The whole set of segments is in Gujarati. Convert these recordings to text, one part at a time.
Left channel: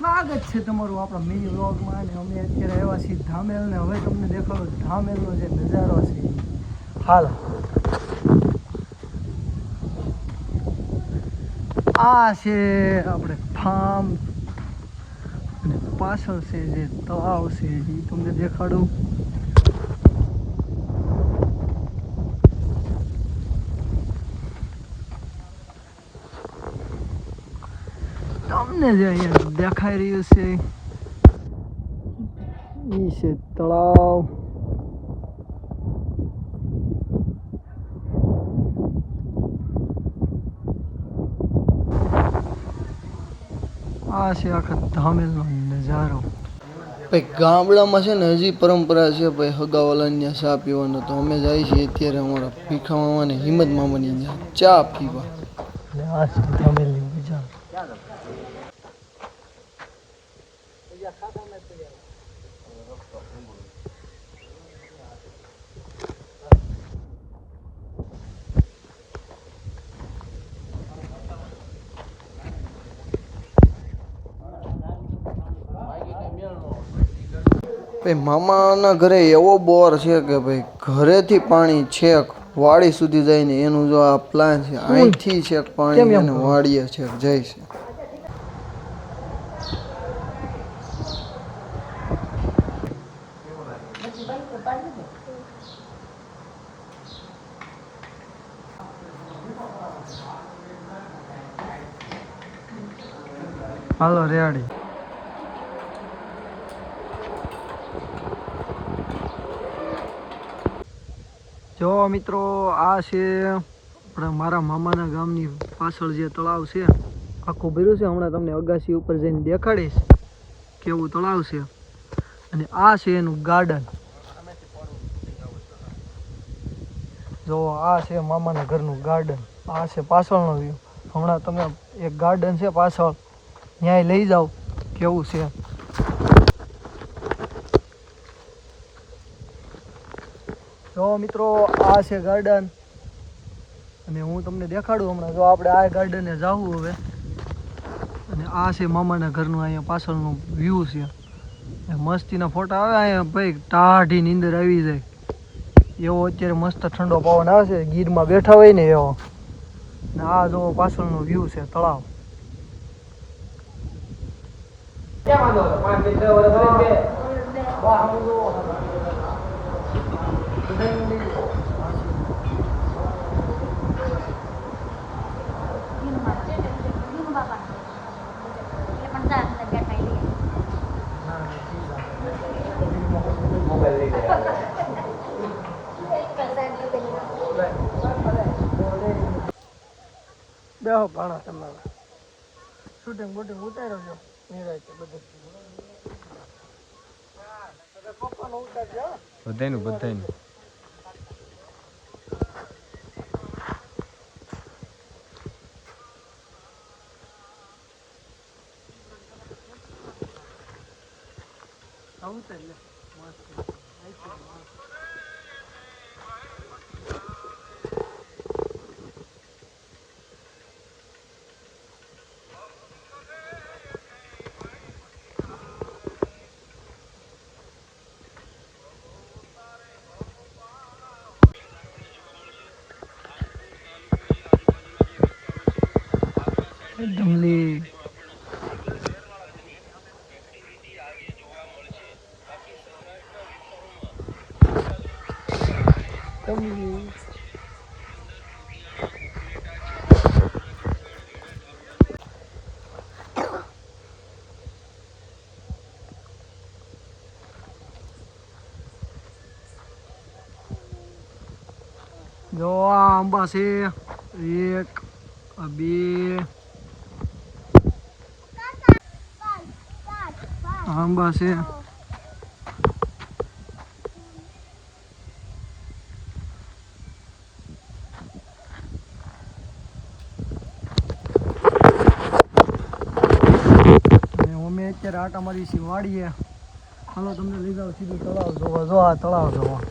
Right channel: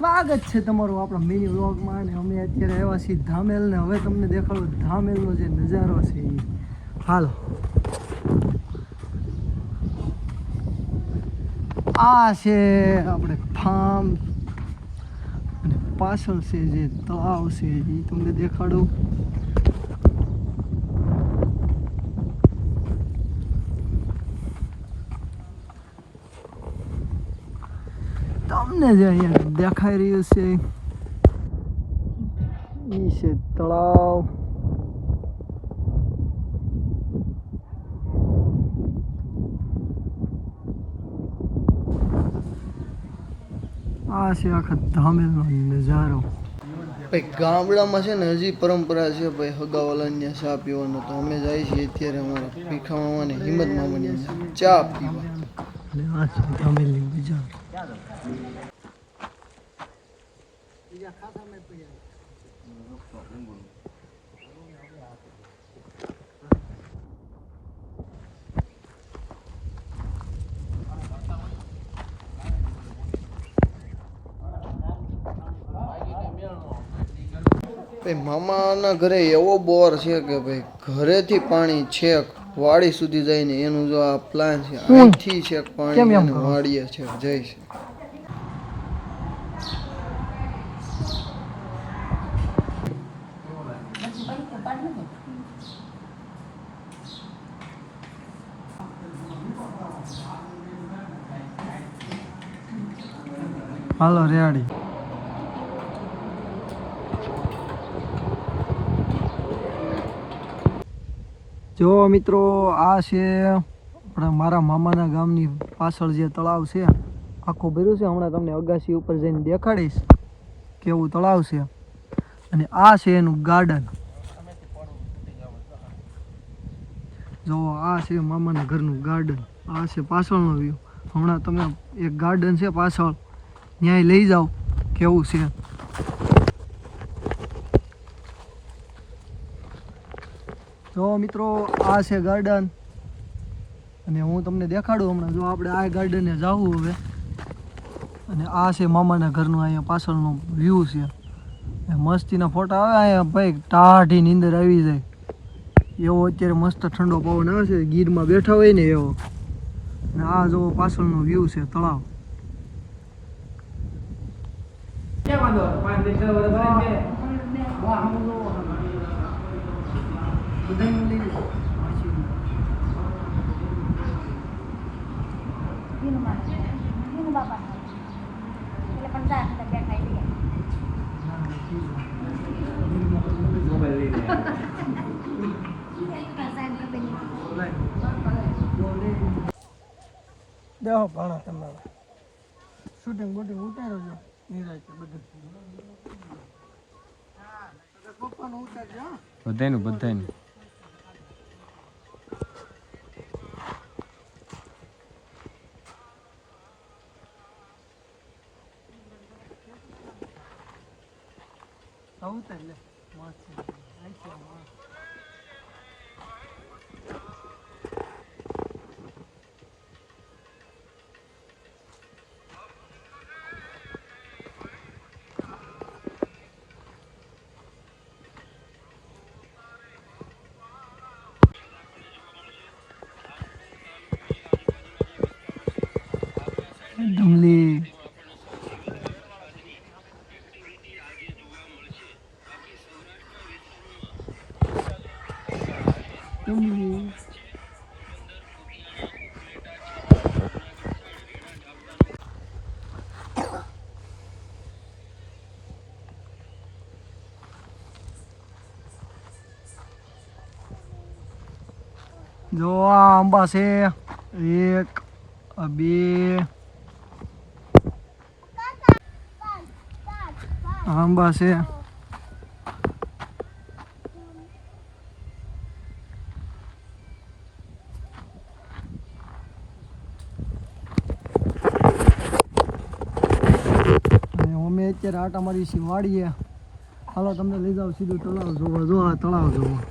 સ્વાગત છે તમારું આપણા મિની વ્લોગમાં અને અમે અત્યારે આવ્યા છીએ ધામેલ ને હવે તમને દેખાડો ધામેલનો જે નજારો છે એ હાલ આ છે આપણે ફાર્મ અને પાછળ છે જે તળાવ છે એ તમને દેખાડું તમને જે અહીંયા દેખાઈ રહ્યું છે એ છે તળાવ આ છે આખા ધામેલનો નજારો ભાઈ ગામડામાં છે ને હજી પરંપરા છે ભાઈ હગાવાલાની ચા પીવાનો તો અમે જાય છીએ અત્યારે અમારા ભીખા મામા ને હિંમત મામાની ચા પીવા આ છે ધામેલની બજાર ભાઈ મામાના ઘરે એવો બોર છે કે ભાઈ ઘરેથી પાણી છેક વાડી સુધી જાય ને એનું જો આ પ્લાન છે અહીંથી છેક પાણી અને વાડીએ છેક જાય છે હાલો રેડી જો મિત્રો આ છે આપણા મારા મામાના ગામની પાછળ જે તળાવ છે આખું ભર્યું છે હમણાં તમને અગાસી ઉપર જઈને દેખાડીશ કેવું તળાવ છે અને આ છે એનું ગાર્ડન જો આ છે મામાના ઘરનું ગાર્ડન આ છે પાછળનો વ્યૂ હમણાં તમે એક ગાર્ડન છે પાછળ ત્યાંય લઈ જાઓ કેવું છે જો મિત્રો આ છે ગાર્ડન અને હું તમને દેખાડું હમણાં જો આપણે આ ગાર્ડને જવું હવે અને આ છે મામાના ઘરનું અહીંયા પાછળનું વ્યૂ છે મસ્તીના ફોટા આવે અહીંયા ભાઈ ટાઢી નીંદર આવી જાય એવો અત્યારે મસ્ત ઠંડો પવન આવે છે ગીરમાં બેઠા હોય ને એવો ને આ જો પાછળનો વ્યૂ છે તળાવ બેહો ભાણા તમારે શૂટિંગ બોટિંગ ઉતારો છો બધાયનું બધાયનું ડમલી જો આ આંબા છે એક બે આંબા છે અમે અત્યારે આટા મારી છીએ વાડીએ હાલો તમને લઈ જાવ સીધું તળાવ જોવા જો આ તળાવ જોવા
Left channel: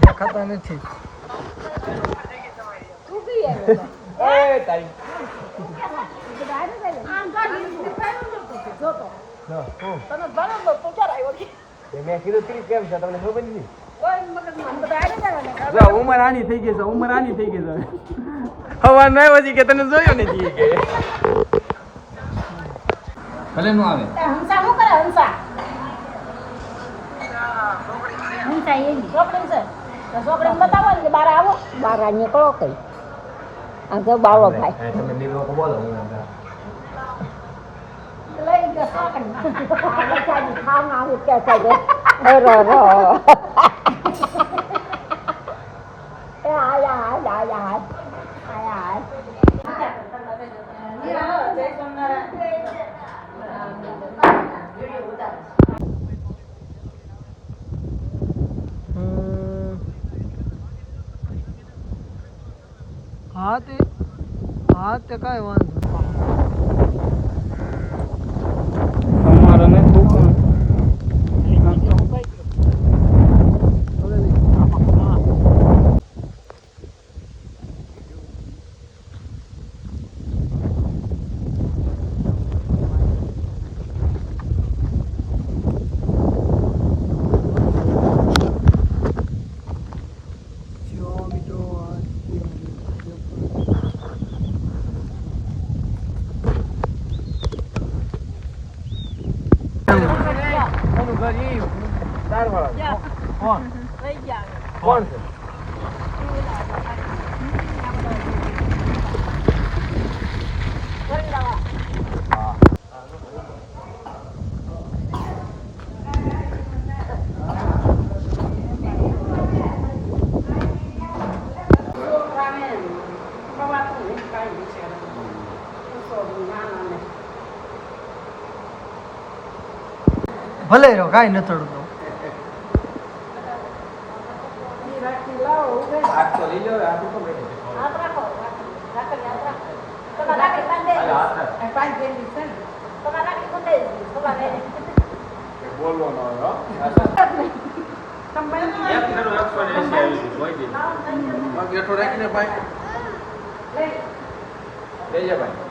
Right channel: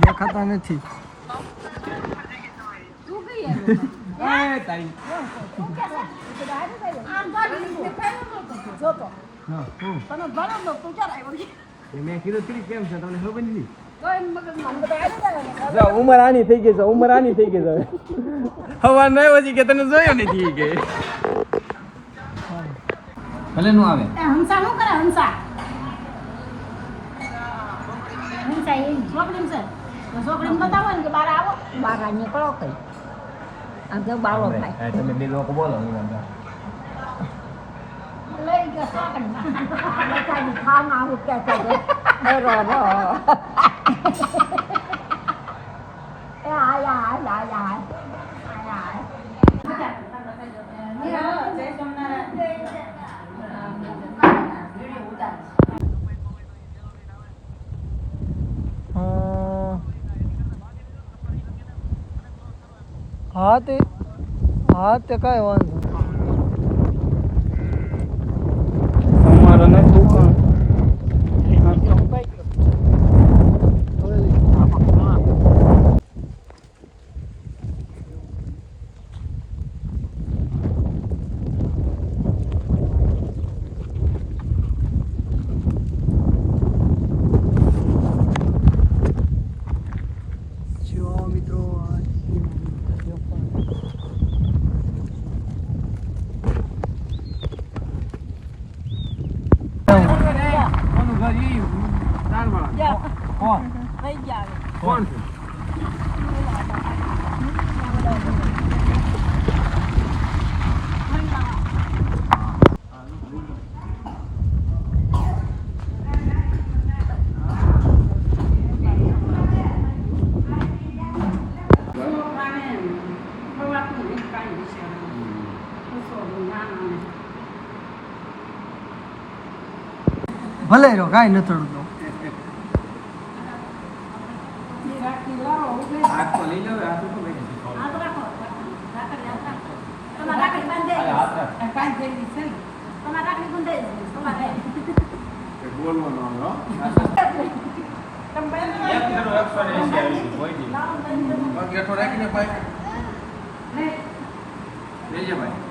દેખાતા નથી મેં કીધું તી કેમ છે તમને ખબર નથી ઉંમર આની થઈ ગઈ છે ઉંમર આની થઈ ગઈ છે હવા ના પછી કે તને જોયો નથી કે ભલે નું આવે હંસા શું કરે હંસા હંસા એ છોકરી છે છોકરીને બતાવો ને કે બહાર આવો બહાર નીકળો કઈ આ તો બાવળો ભાઈ તમે બે લોકો બોલો હું અંદર લઈ ગયો છોકરી આ બચારી ખાવા આવે ત્યાં થાય રો રો એ આયા આયા આયા હા તે કાંઈ વાંધો અમારા નથી દુકાન જો મિત્રો કોણ છે ભલે રહ્યો કાંઈ નથી થતું આજ તો લઈ લો આ તો ખબર નથી હાથ રાખો તમારા રાખડી બાંધે હાથ રાખ પાંચ ફેરવી છે ને તમારા રાખડી બાંધે તમારે બોલવાનો હો ગેઠો રાખીને ભાઈ લઈ જા ભાઈ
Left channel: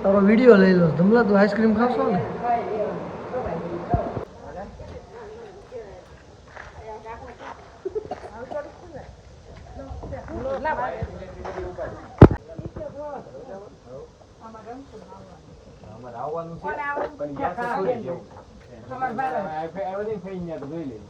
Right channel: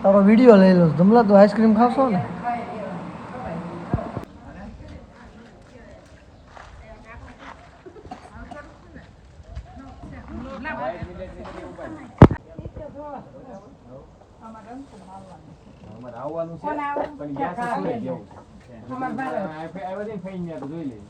તારો વિડીયો લઈ લો જમલા તો આઈસ્ક્રીમ ખાશો ને અમારે આવવાનું છે પણ યાર શું લઈ જવું આવ્યો ને ફઈ ન્યા તો જોઈ લે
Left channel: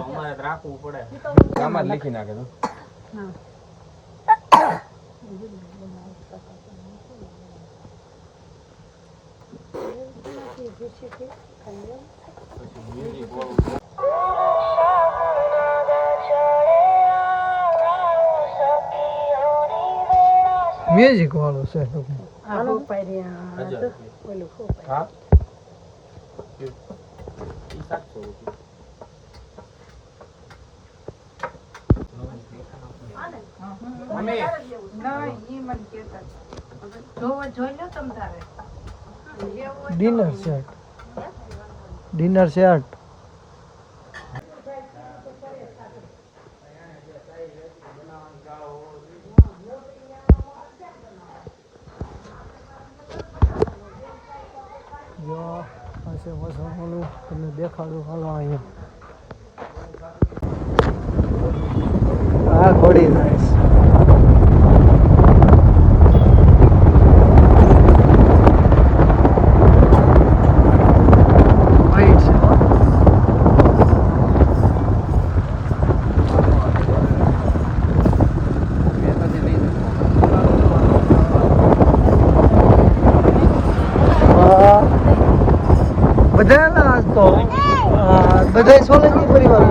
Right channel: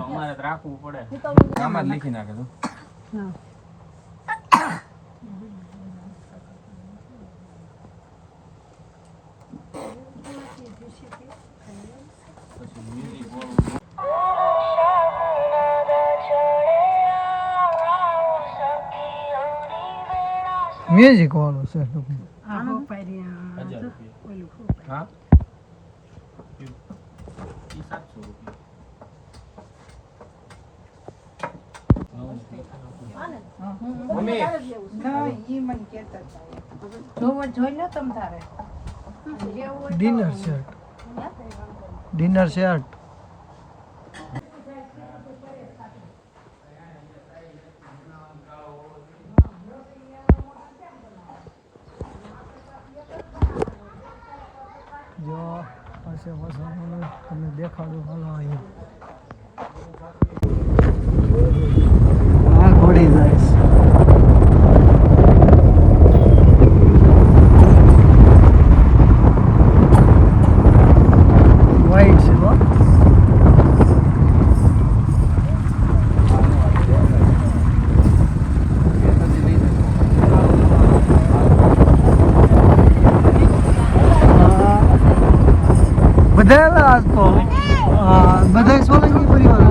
અમારે રાખવું પડે આમાં જ લખી નાખે તો મ્યુઝિક વાળો છે ટૂંકમાં હા ડિનર સેટ જો પાસે મસાલો તમને દેખાડું હાલો અહીંયા આ ઘોડી નાઈસ વાઈટ છે હો બધા આજ તો બધા સોલંકી પરિવાર